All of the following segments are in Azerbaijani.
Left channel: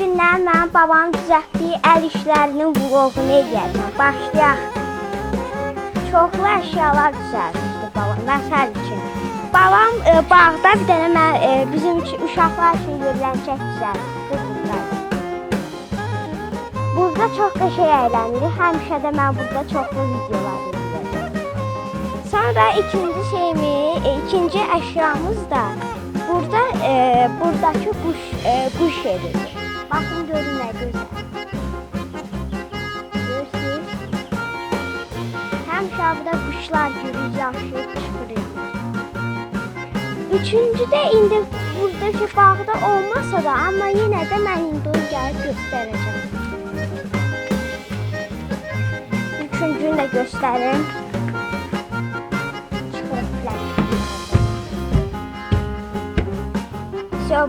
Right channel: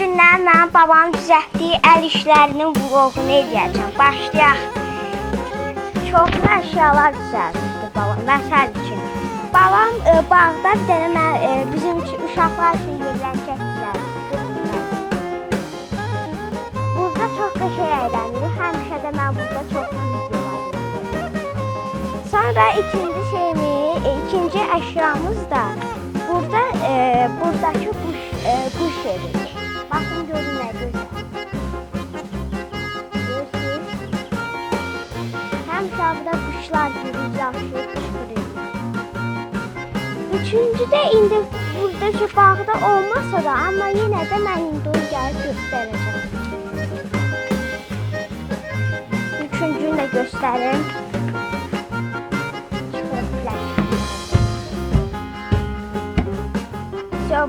günlər mənim babam düzəltdiyi əl işlərinin vloqunu edəcəm. Başlayaq. Çoxlu əşyalar düzəltdi babam. Məsəl üçün, babam bağda bir dənə bizim uşaqlar üçün yerləncək düzəltdi. Burada çox qəşəng əylənirik. Həmişə də mən burada çoxlu videolar izləyirəm. Sonra ikinci əşyamız da buradakı quş evidir. Baxın görün nə gözəl. Həmişə burada quşlar yürür, yaşayır, qışqırır. Üçüncüdə indi buradakı bağda olmasa da, amma yenə də mən indi onu gəlib göstərəcəm. Üçüncünü də göstərim.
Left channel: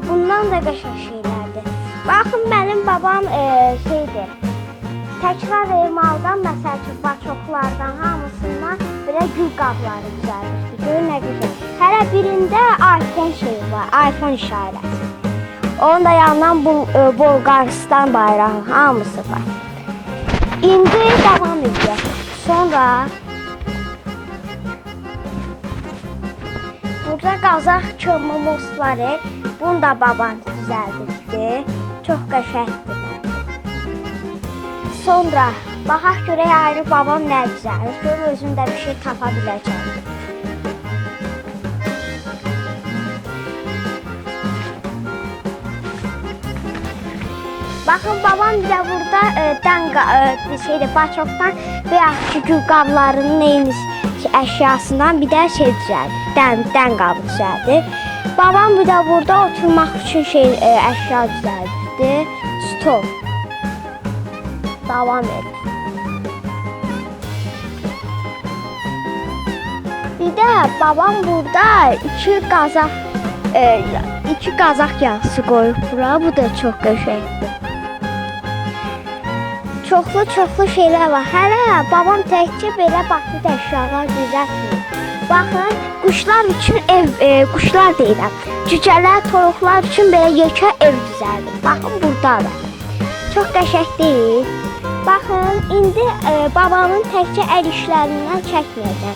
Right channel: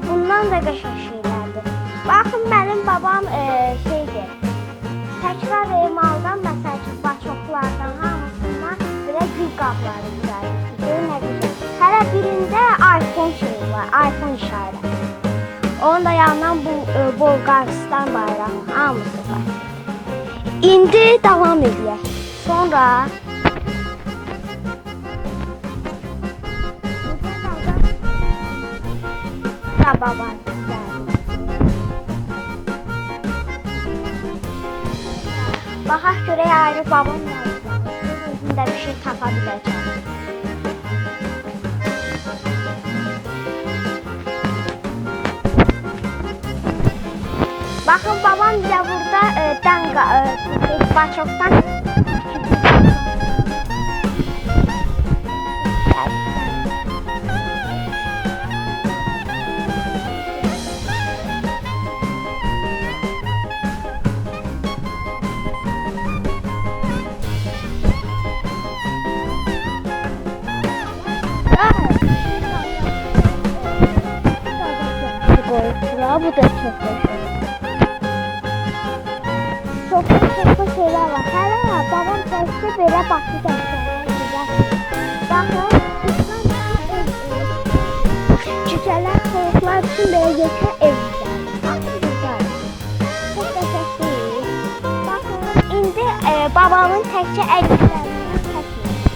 Bundan da qəşəng şeylərdir. Baxın, mənim babam şeydir. Təkrar emaldan, məsəl üçün, çoxlardan hamısından belə gül qabları düzəldir. Görün nə güzel. Hələ birində iPhone şeyi var, iPhone işarəsi. Onun da yanından Bolqarıstan bayrağı hamısı var. İndi davam edək. Sonra burada Qazaq kömürümüz var. Bunu da babam düzəldirdi. Çox qəşəngdir. Sonra baxaq görək ayrı babam nə düzəldir. Özüm də bir şey tapa biləcəm. Baxın, babam da burada Qaçokdan və yaxud ki, gül qablarının eyni əşyasından bir də şey düzəldir. Dən qabı düzəldir. Babam bir də burada oturmaq üçün əşya düzəldi. Stol. Davam edir. Bir də babam burada iki qazaq yağısı qoyub bura. Bu da çox qəşəng. Çoxlu şeylər var. Hələ babam təkcə belə basit əşyalar düzəldir. Baxın, quşlar üçün quşlar deyirəm. Cücələr, toyuqlar üçün belə yekə ev düzəldir. Baxın, buradadır. Çox qəşəng deyil. Baxın, indi babamın təkcə əl işlərindən çəkməyəcəm.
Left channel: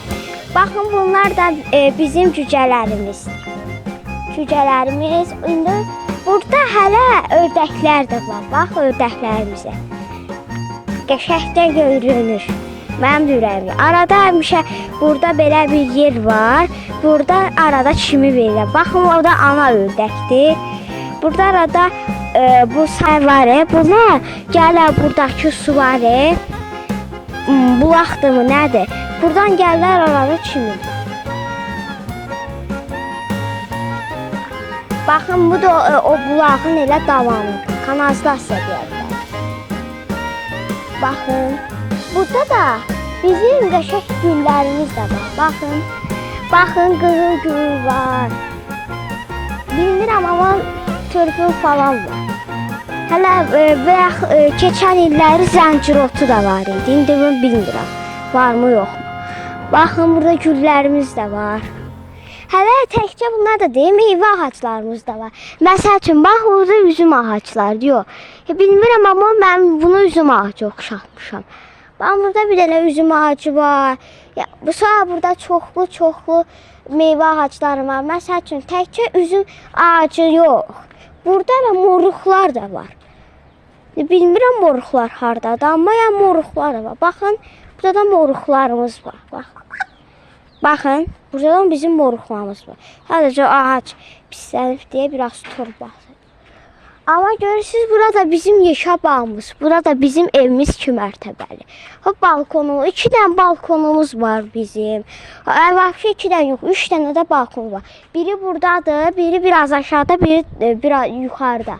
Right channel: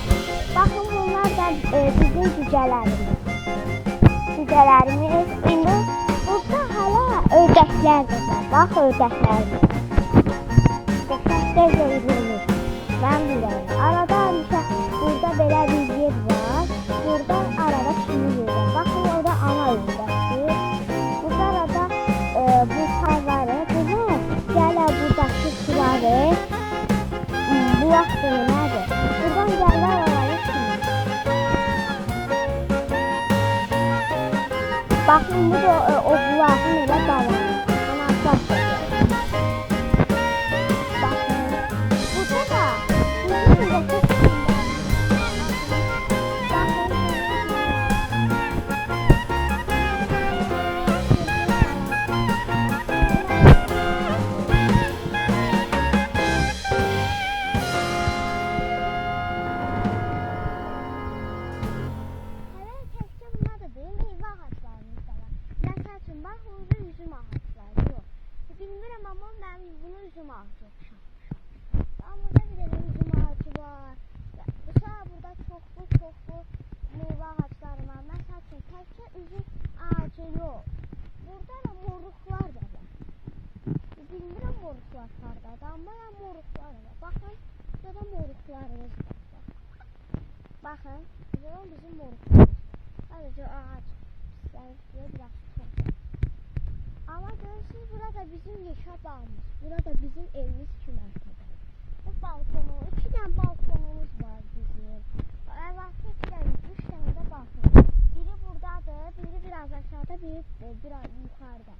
Baxın, bunlar da bizim cücələrimiz. İndi burada hələ ördəklər də var. Bax, ördəklərimizə. Qəşəng də görünür. Mənim ürəyimdə. Arada həmişə burada belə bir yer var. Burada arada çimi verirlər. Baxın, o da ana ördəkdir. Burada arada bu say var. Buna gələr buradakı su var. Bulaqdır mı, nədir? Buradan gəlirlər arada çimi. Baxın, bu da o bulağın elə davanı. Kanalizasiya deyək. Baxın, burada da bizim qəşəng güllərimiz də var. Baxın, qırıl var. Bilmirəm, amma törpül falan var. Hələ keçən illəri zəncirotu da var idi. İndi bunu bilmirəm, var mı, yox. Baxın, burada güllərimiz də var. Hələ təkcə bunlar da deyil, meyvə ağaclarımız da var. Məsəl üçün, bax, burada üzüm ağacları, yox. Bilmirəm, amma mən bunu üzüm ağacı oxşatmışam. Bax, burada bir dənə üzüm ağacı var. Sonra burada çoxlu meyvə ağacları var. Məsəl üçün, təkcə üzüm ağacı yox. Burada da moruqlar da var. Bilmirəm moruqlar hardadır, amma moruqlar da var. Baxın, burada da moruqlarımız var. Baxın, burada da bizim moruqlarımız var. Sadəcə ağac pislənib deyə biraz torbası. Amma görürsünüz, burada bizim yeşə bağımız, burada bizim evimiz 2 mərtəbəli. Balkonumuz, 2 dənə balkonumuz var bizim. Vəbşə 2 dənə yox, 3 dənə də balkon var. Biri buradadır, biri biraz aşağıda, biri biraz yuxarıda.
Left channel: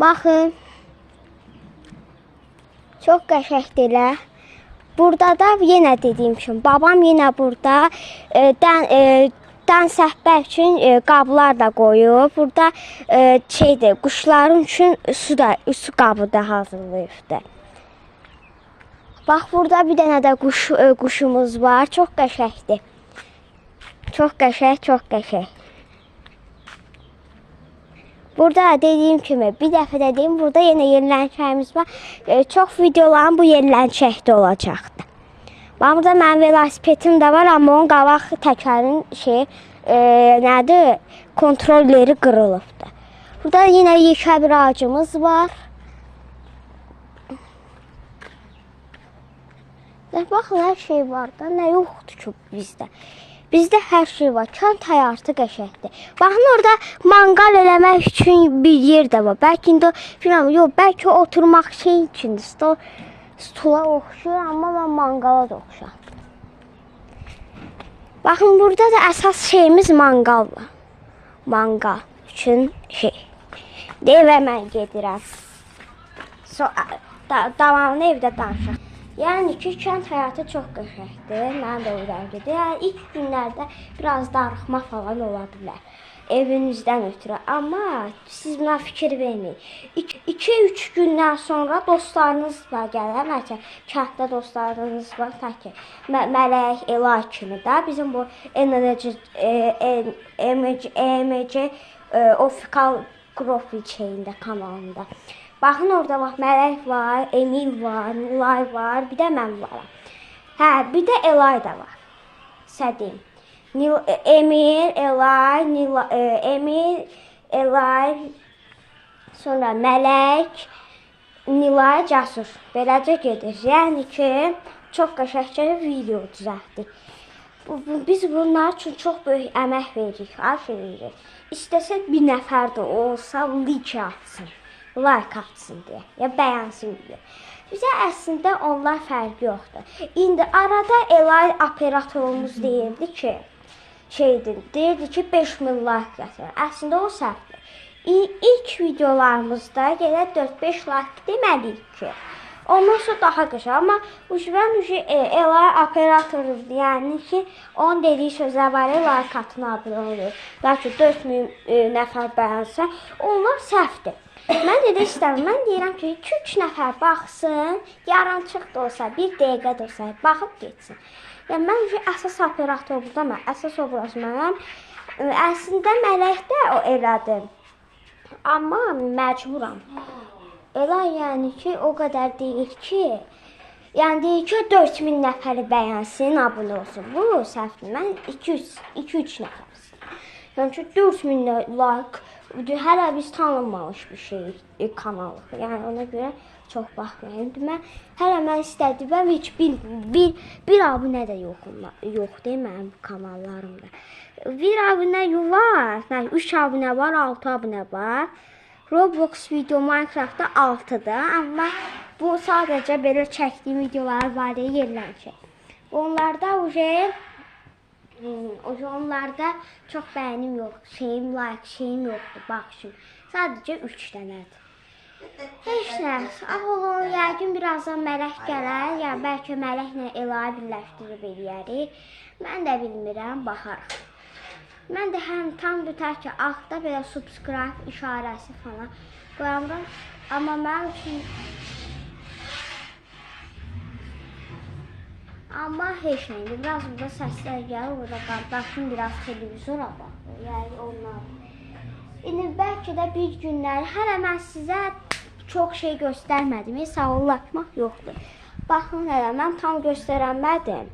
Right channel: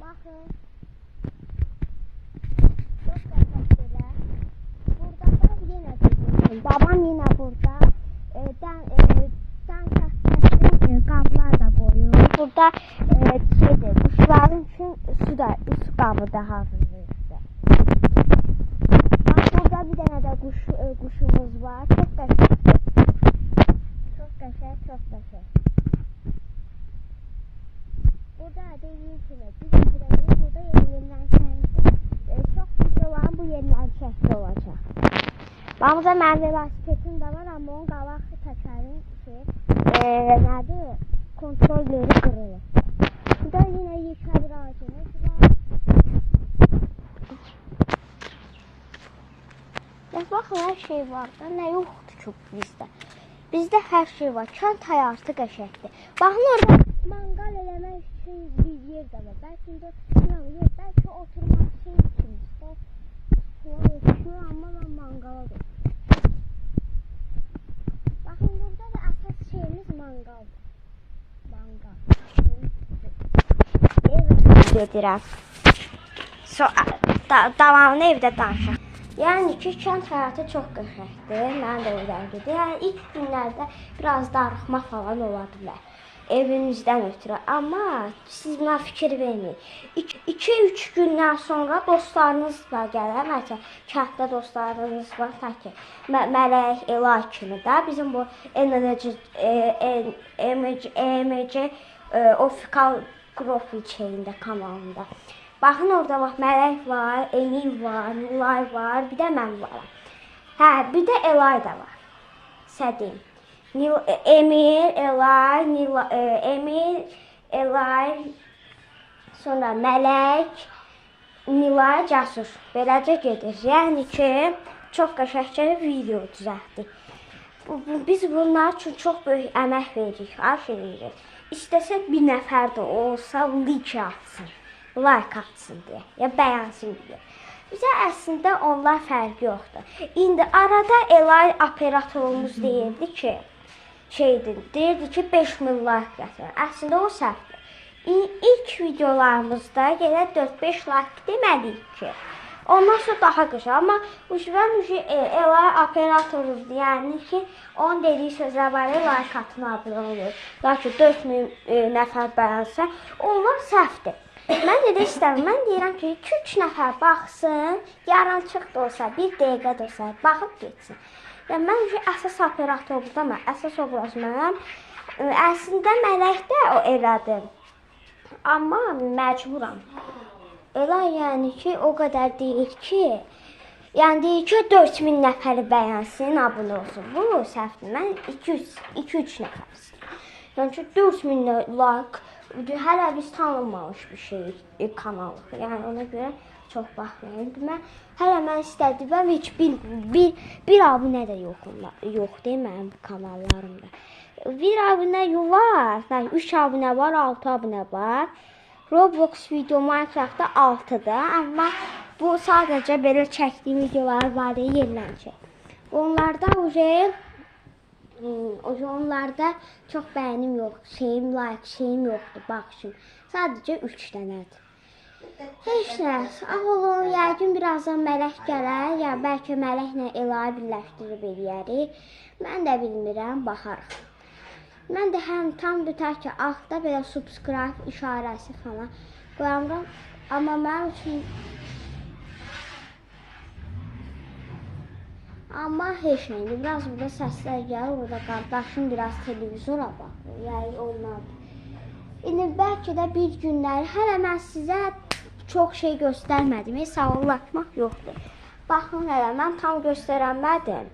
Baxın, çox qəşəngdirlər. Burada da yenə dediyim kimi, babam yenə burada dən səhbər üçün qablar da qoyub. Burada quşların üçün su qabı da hazırlayıbdır. Bax, burada bir dənə də quşumuz var. Çox qəşəngdir. Çox qəşəng. Burada dediyim kimi, bir dəfə də deyim, burada yenə yerlənçəyimiz var. Çox videolarım bu yerlənçəkdə olacaqdır. Burada mənim velosipedim də var, amma onun qabaq təkərin nədir? Kontrolleri qırılıbdır. Burada yenə yekə bir ağacımız var. Baxın, hər şey var da, nə yoxdur ki bizdə. Bizdə hər şey var, kənd həyatı qəşəngdir. Baxın, orada manqal eləmək üçün bir yer də var. Bəlkə indi, bilmirəm, yox, bəlkə oturmaq şey üçündür. Stula oxşur, amma mən manqala da oxşuram. Baxın, burada da əsas şeyimiz manqal var. Manqal üçün şey. Evə mən gedirəm. Davamını evdə danışaq. Yəni ki, kənd həyatı çox qəşəngdir. Mən də oradan gedirəm. İlk günlərdə biraz darıxma falan ola bilər. Evinizdən ötürü. Amma siz buna fikir verməyin. 2-3 gündən sonra dostlarınızla gələr. Məsələn, kənddə dostlarınız var. Ta ki, Mələk, Elay kimi də. Bizim bu EMC Official Profil şeyində, kanalında. Baxın, orada bax, Mələk var, Emil var, Nilay var, bir də mən varam. Hə, bir də Elay da var. Sədim. Emil, Elay, sonra Mələk, Nilay, Cəsur. Beləcə gedir. Yəni ki, çox qəşəngcə video düzəltdik. Biz bunlar üçün çox böyük əmək veririk, hər şey veririk. İstəsək bir nəfər də olsa, like atsın. Like atsın deyə, ya bəyənsin deyə. Bizə əslində onlar fərqi yoxdur. İndi arada Elay operatorumuz deyirdi ki, deyirdi ki 5000 like gətirin. Əslində o səhvdir. İlk videolarımızda yenə 4-5 like deməliyik ki. Ondan sonra daha qısa, amma Elay operatoruz, yəni ki, onun dediyi sözlər var, like atın abunə olur. Lakin 4000 nəfər bəyənsə, onlar səhvdir. Mən də istəmirəm. Mən deyirəm ki, 2-3 nəfər baxsın, yarımçıq da olsa, 1 dəqiqə də olsa, baxıb geçsin. Yəni, mən əsas operator burada mən, əsas obraz mənəm. Əslində Mələk də o elədim. Amma məcburam. Elə yəni ki, o qədər deyir ki, yəni deyir ki, 4000 nəfəri bəyənsin, abunə olsun. Bu səhvdir. Mən 2-3 nəfərsin. Yəni ki, 4000 like. Hələ biz tanınmamış bir şey kanalıq. Yəni ona görə çox baxmayın. Hələ mən istədim, heç bir abunə də yoxdur mənim kanallarımda. Bir abunə var, 3 abunə var, 6 abunə var. Roblox video Minecraftda 6-dır, amma bu sadəcə belə çəkdiyim videolar var deyə yerlənəcək. Onlarda onlarda çox bəyənim yox, şeyim yoxdur, baxışım. Sadəcə 3 dənədir. Heç nə, olun, yəqin birazdan Mələk gələr, ya bəlkə Mələklə Ela'yı birləşdirib eləyərik. Mən də bilmirəm, baxarıq. Mən də həm tam bütər ki, altda belə subscribe işarəsi falan qoyamıram, amma mənim üçün amma heç nə, indi biraz burada səslər gəlir, orada qardaşım biraz televizora baxır, yəni onlardır. İndi bəlkə də bir günləri, hələ mən sizə çox şey göstərmədim, sağollaşmaq yoxdur. Baxın, hələ mən tam göstərənmədim.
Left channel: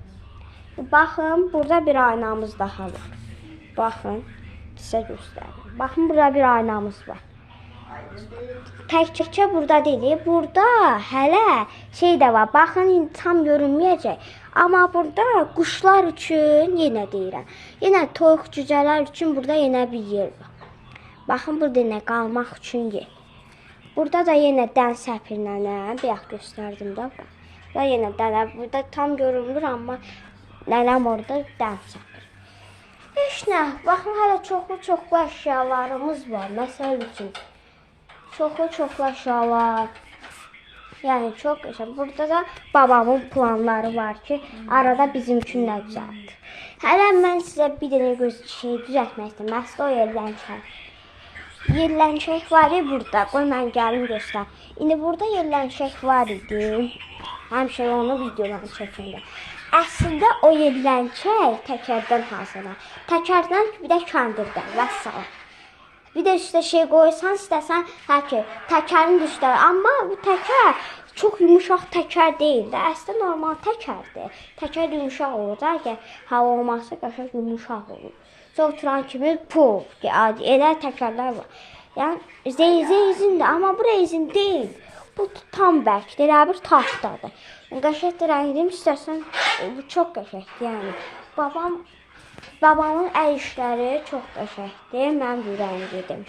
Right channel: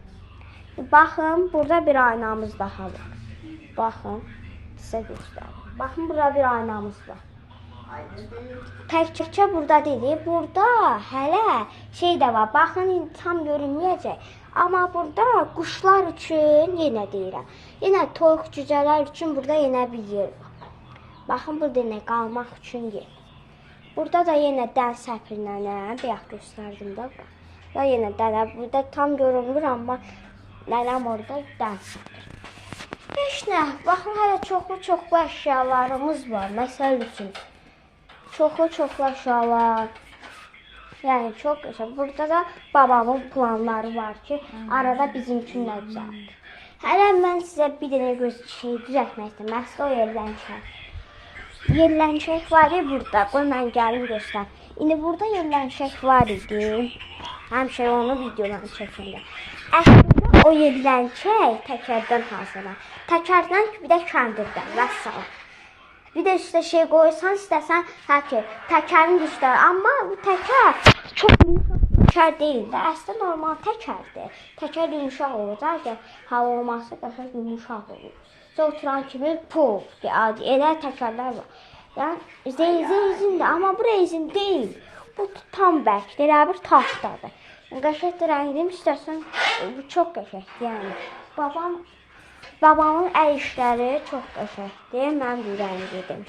Baxın, burada bir aynamız daha var. Baxın, sizə göstərim. Baxın, burada bir aynamız var. Təkcə burada deyil, burada hələ şey də var. Baxın, tam görünməyəcək. Amma burada quşlar üçün yenə deyirəm. Yenə toyuq cücələr üçün burada yenə bir yer var. Baxın, burada yenə qalmaq üçün yer. Burada da yenə dən səpirlənəm. Bayaq göstərdim də. Və yenə dənə. Burada tam görünmür, amma nənəm orada dən səpir. Heç nə. Baxın, hələ çoxlu əşyalarımız var. Məsəl üçün. Çoxlu əşyalar. Yəni, çox qəşəng. Burada da babamın planları var ki, arada bizim üçün nə düzəltdir. Hələ mən sizə bir dənə şey düzəltmək istəyəm. Məsələ o yerlənçək. Yerlənçək var idi burada. Qoy, mən gəlim göstər. İndi burada yerlənçək var idi. Həmişə onu videolarını çəkəndə. Əslində o yerlənçək təkərdən hazırlar. Təkərdən bir də kəndirdən. Vəssalam. Bir də üstə şey qoysan, istəsən ki, təkərin üstə. Amma bu təkər çox yumuşaq təkər deyil də. Əslində normal təkərdir. Təkər yumuşaq olur. Əgər hava olmazsa qəşəng yumuşaq olur. Oturan kimi puf, elə təkərlər var. Yəni rezindir, amma bu rezin deyil. Bu tam bərkdir, elə bir taxtadır. Qəşəng rəngim istəsən bu çox qəşəngdir. Yəni babamın əl işləri çox qəşəngdir. Mən bu rəngidim.